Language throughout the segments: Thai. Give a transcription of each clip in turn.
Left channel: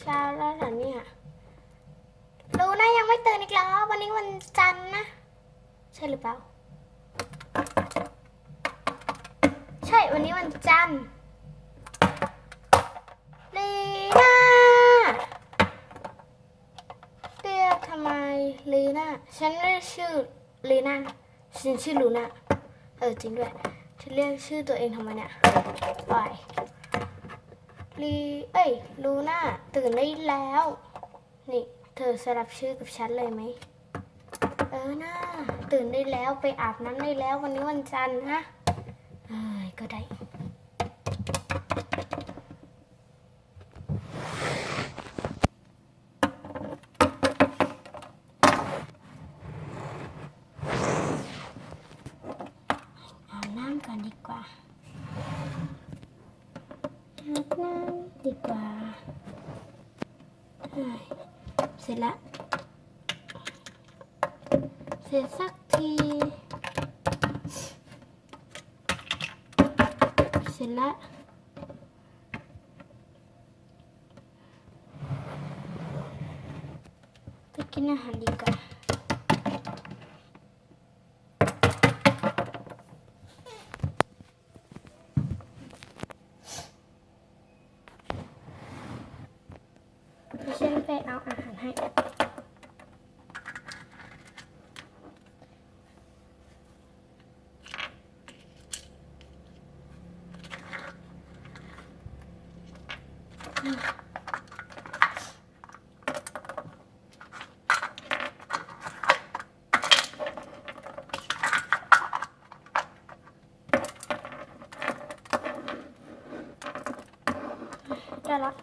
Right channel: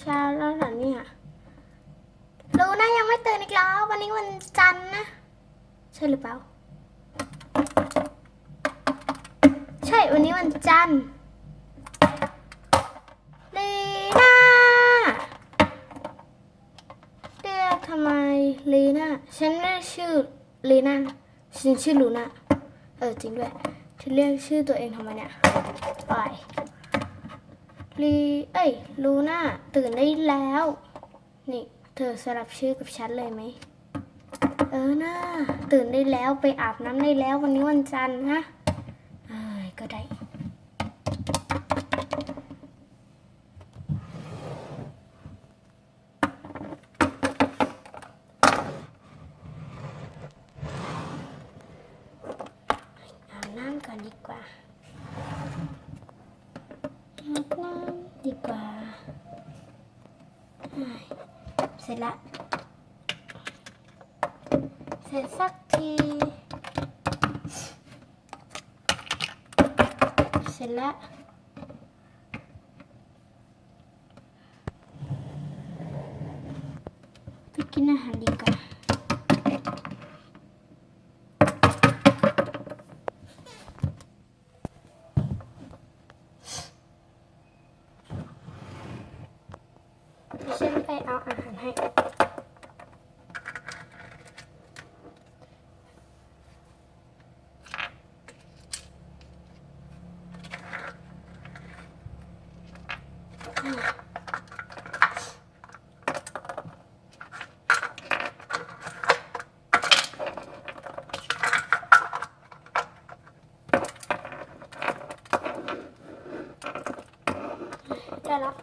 เช้าแล้วเหรอเนี่ยรู้นะยังไม่ตื่นอีกแล้ว วันนี้วันจันทร์นะ ใช่หรือเปล่า ใช่วันนี้วันจันทร์ลีน่าเรียกทำไมลีน่าฉันเรียกชื่อลีน่าฉันชื่อลูน่าเออจริงด้วยฉันเรียกชื่อตัวเองทำไมเนี่ยป ลีเอ้ย ลูน่า ตื่นได้แล้ว นี่ เธอสลับชื่อกับฉันเลยไหม เออน่าตื่นได้แล้วไปอาบน้ำได้แล้ววันนี้วันจันทร์ฮะเอ้ยก็ได้ อาบน้ำก่อนดีกว่าอาบน้ำดีกว่าเอ้ย เสร็จละ เสร็จสักที เสร็จละไปกินอาหารดีกว่า เดี๋ยวฉันไป เอาอาหารให้ ได้แล้ว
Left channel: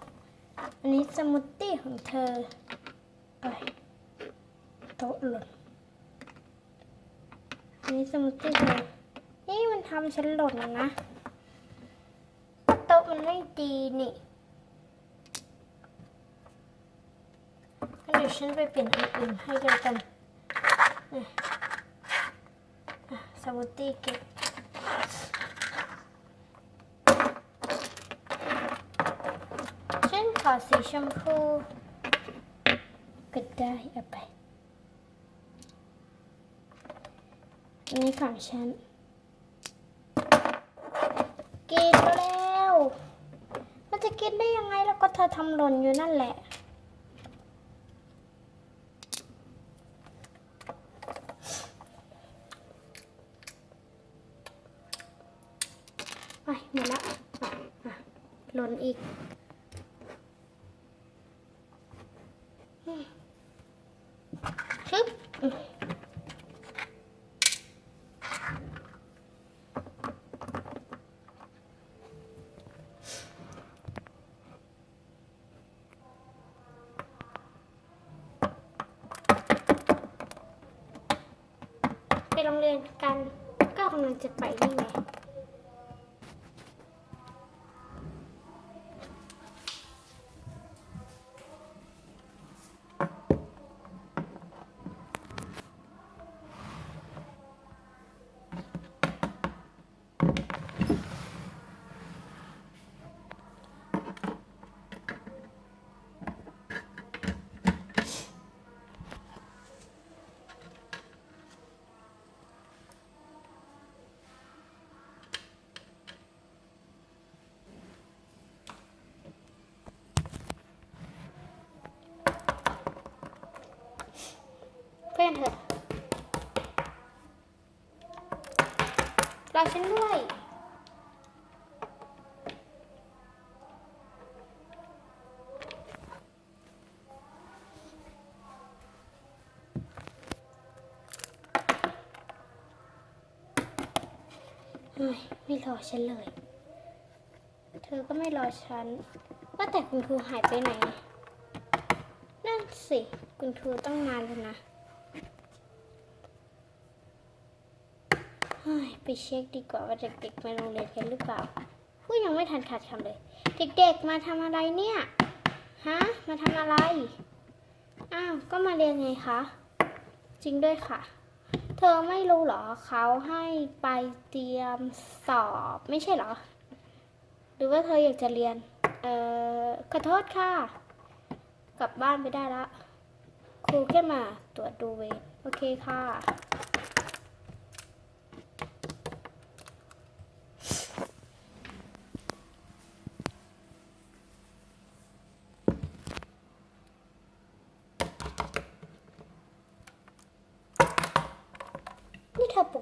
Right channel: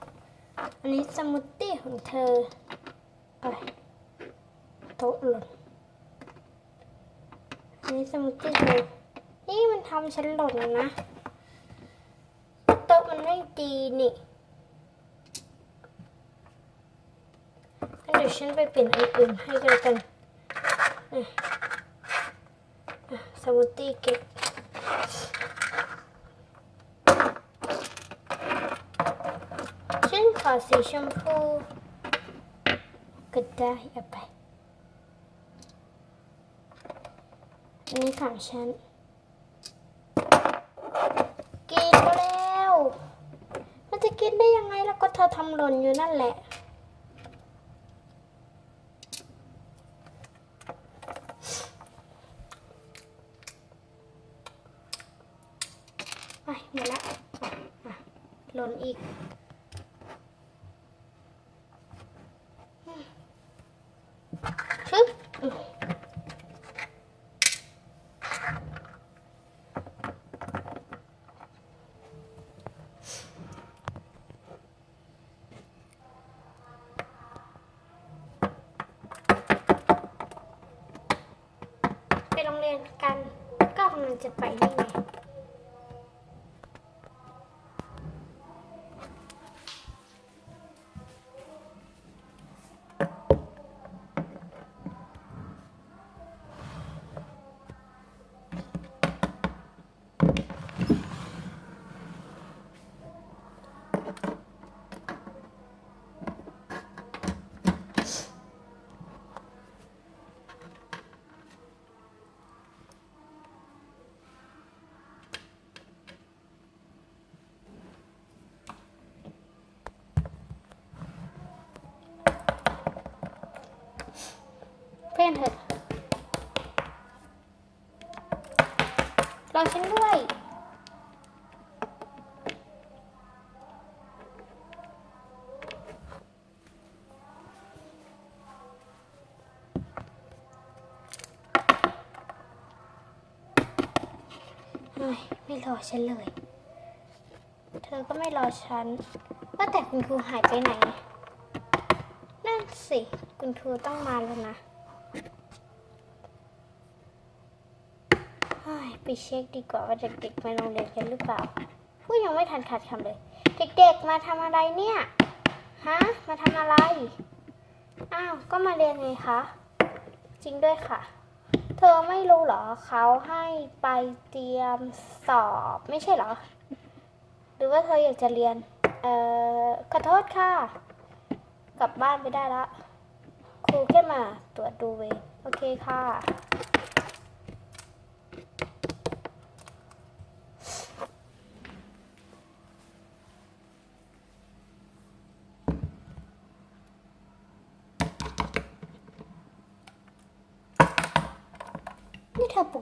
อันนี้สมูทตี้ของเธอไปโต๊ะหล่น อันนี้สมูทตี้เธอนี่มันทำฉันหล่นนะโต๊ะมันไม่ดีนี่งั้นเดี๋ยวฉันไปเปลี่ยนอันอื่นให้เจอกันนี่อะสมูทตี้เก็บฉันขอสีชมพูก็ได้อาไป อันนี้ของฉันกินแล้ว มันจะกินได้ยังไงแล้วก็เธอทำหล่นอยู่นั่นแหละ ไปหมดละอะอะหล่นอีก ชึบไปโรง เรียนกัน ก็กำลังจะไปนี่ไง ล่นเถอะรอฉันด้วย ไม่รอฉันเลย เธอก็ไม่รอฉัน ว่าแต่คุณครูหายไปไหน นั่นสิ คุณครูตั้งนาแล้วนะ เฮ้ย ไปเช็คดีกว่าว่าเด็กๆมาโรงเรียนกันหรือเปล่าพูดยังไม่ทันขาดคำเลย เด็กๆมาทำอะไรเนี่ยฮะมาทำอะไรอ้าวก็มาเรียนไงคะจริงด้วยค่ะ เธอไม่รู้เหรอเขาให้ไปเตรียมสอบไม่ใช่เหรอ หรือว่าเธออยากจะเรียนเอ่อขอโทษค่ะ กลับบ้านไปได้ละครูแค่มาตรวจดูเวรโอเคค่ะ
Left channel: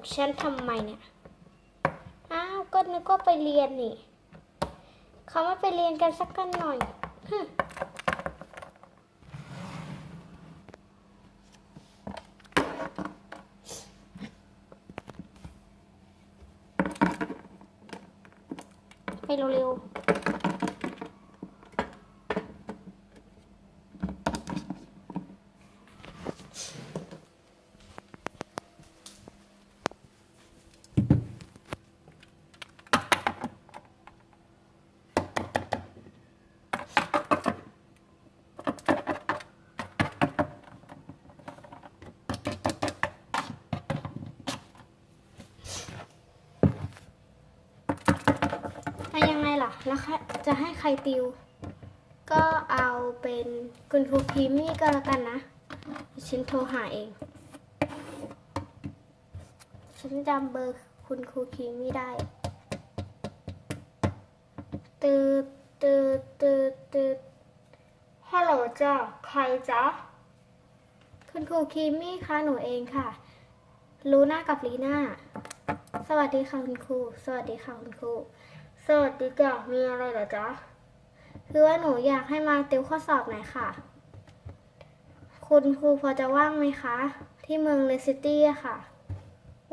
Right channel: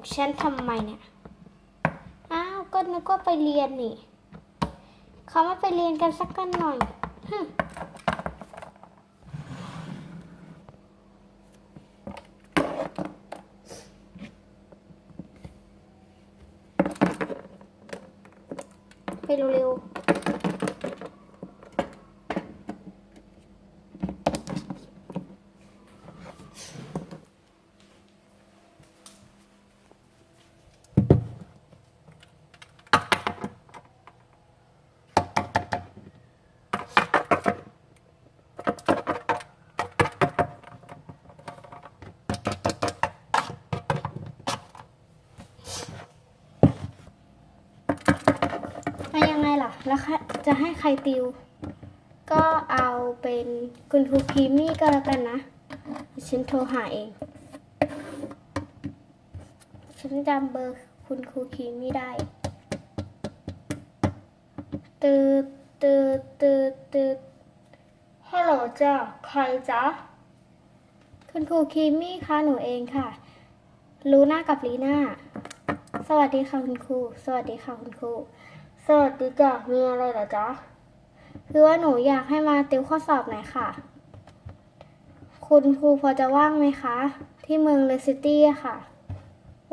นี่เธอปลุกฉันทำไมเนี่ย อ้าว ก็นึกว่าไปเรียนนี่ เขาไม่ไปเรียนกันสักกันหน่อยฮึมไปเร็วๆแล้วยังไงล่ะ แล้วจะให้ใครติว ก็เอาเป็นคุณครูพีมี่ก็แล้วกันนะฉันโทรหาเอง ฉันจำเบอร์คุณครูคีมี่ได้ตืดตืดตืดตืดฮัลโหลจ้าใครจ๊ะ คุณครูคีมี่คะหนูเองค่ะ ลูน่ากับลีน่า สวัสดีค่ะคุณครู สวัสดีค่ะคุณครู สวัสดีจ้ะมีอะไรเหรอจ๊ะ คือว่าหนูอยากให้มาติวข้อสอบหน่อยค่ะ คุณครูพอจะว่างไหมคะ ที่เมืองเลสซิตี้ค่ะ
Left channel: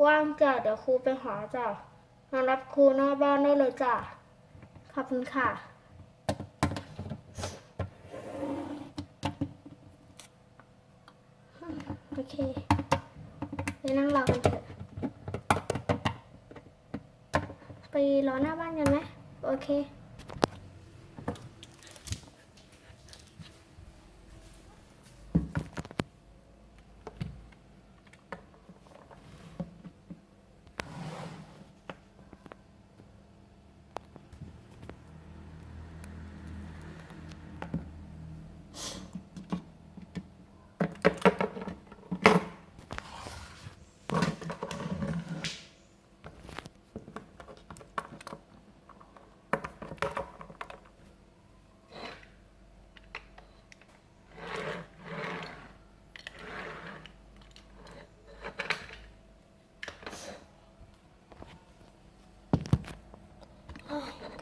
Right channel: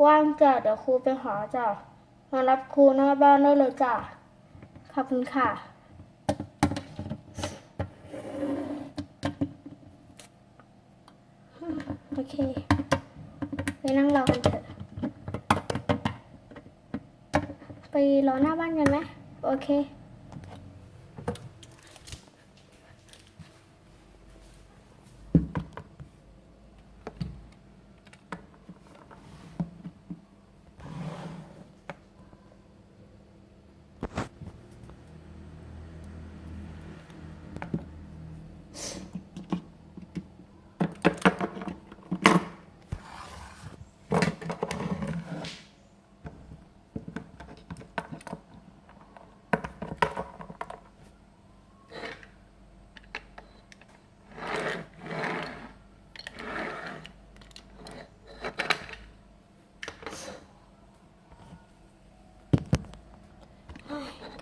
ว่างจ้ะเดี๋ยวครูไปหาจ้ะ มารับครูหน้าบ้านได้เลยจ้ะ ขอบคุณค่ะ โอเค ไปนั่งรอกันเถอะ ไปรอหน้าบ้านกันไหมโอเค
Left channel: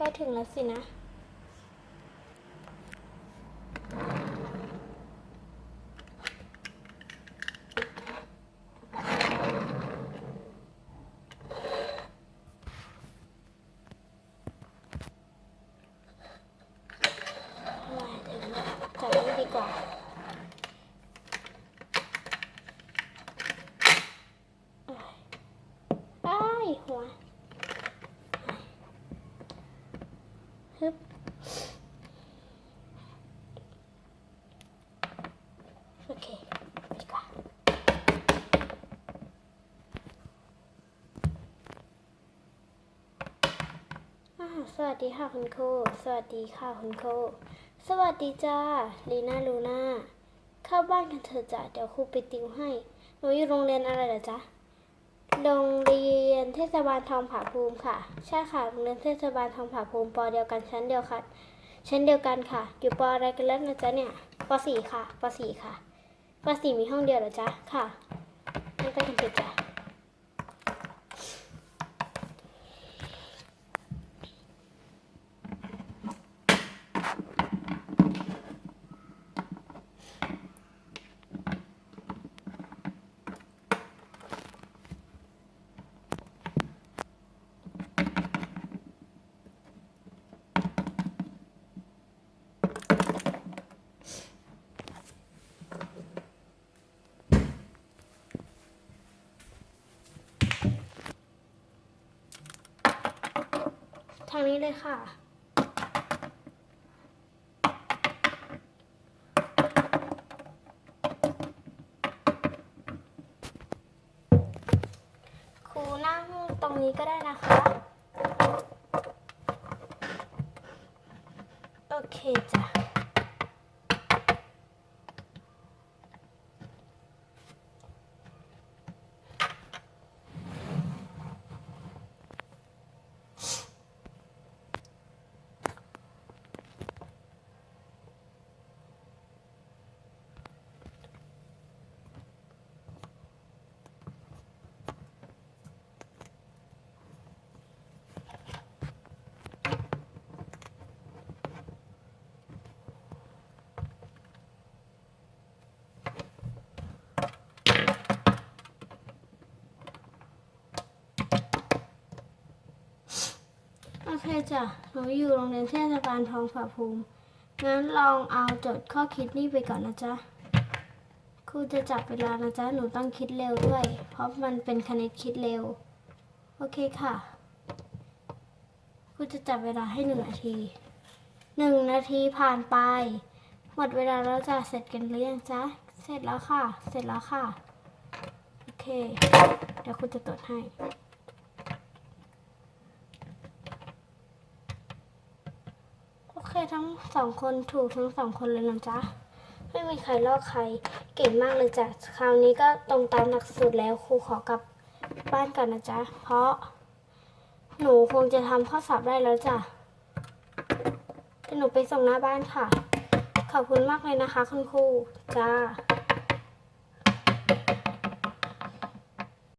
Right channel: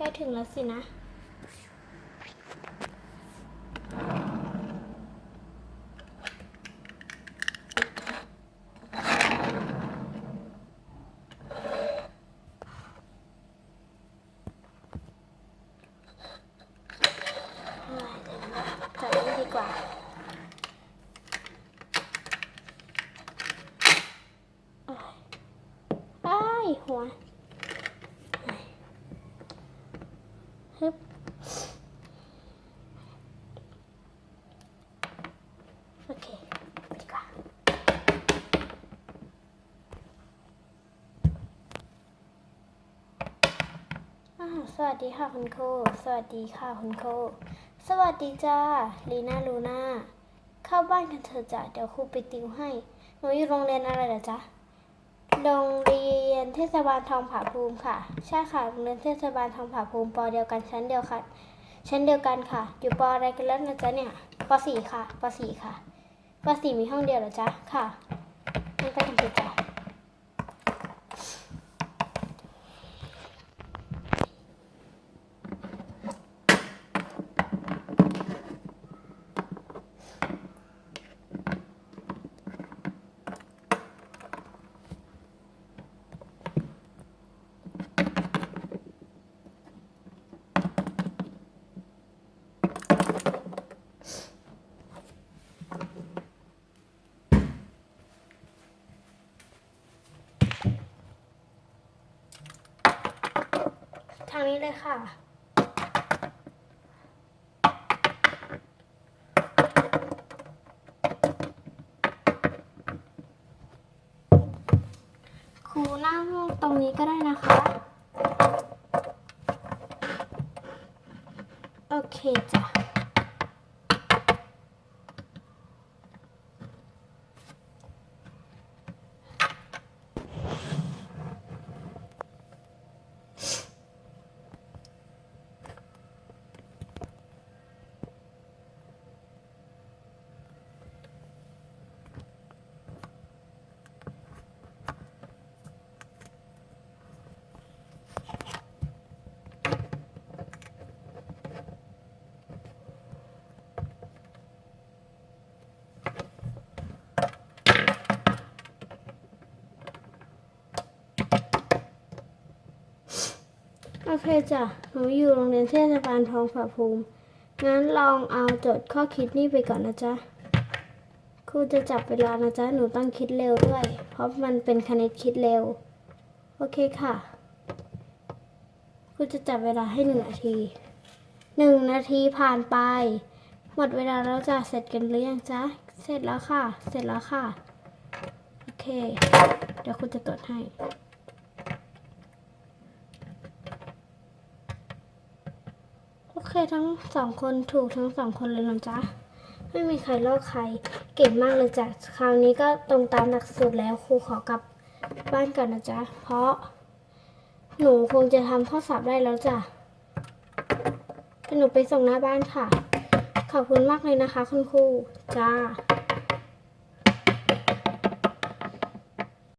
ใกล้ถึงแล้วสินะแล้วจอดนี่ดีกว่า อ้ายหัว ฮึบโอเคไปดีกว่าอ่า สวัสดีค่ะคุณครูสวัสดีค่ะคุณครูสวัสดีจ้าลีน่าลูน่าเข้าบ้านกันเถอะจ้ะเดี๋ยวครูไปติวให้หนูอยู่โรงเรียนอะไรเหรอจ๊ะโรงเรียนเทศบาลทองผาภูมิค่ะใช่ค่ะโรงเรียนเทศบาลทองผาภูมิปอเดียวกันชั้นเดียวค่ะชั้นเดียวกันค่ะ อยู่ปออะไรกันแล้วนะจ๊ะเนี่ยปสี่ค่ะปสี่ค่ะปสี่มีห้องเดียวเหรอจ๊ะค่ะงั้นไปกันเถอะจ้ะทางนี้เลยค่ะ ครูนั่งตรงนี้ก็ได้นะคะ โอเคจ้ะ โอ เคจ้ะหนูอยู่โรงเรียนเทศบาลทองผาภูมิงั้นลองเอาโจทย์ข้อคิดนี่ไปก่อนนะจ๊ะครูจะจับเวลานะจ๊ะหนูต้องคิดเร็วด้วย เพราะมันเป็นคณิตคิดเร็ว โอเคค่ะครูจะจับเวลาให้หนึ่งนาทีหนึ่งนาทีผ่านไป หมดเวลาแล้วจะเสร็จกันหรือยังจ๊ะเสร็จแล้วค่ะ เสร็จแล้วค่ะ โอเค เดี๋ยวครูจะตรวจให้ โอเคทั้งสองคนถูกทั้งสองคนเลยนะจ๊ะ ไม่มีใครลอกใคร เก่งมากเลยจ้ะ คราวนี้ก็ตรงตามหลักสูตรแล้วครูขอกลับบ้านกันนะจ๊ะ เพราะ หนูคงจะทำข้อสอบได้แล้วจ้ะหนูไปส่งหน้าบ้านค่ะ ขอบคุณมากเลยนะคะ คุณครูจ้า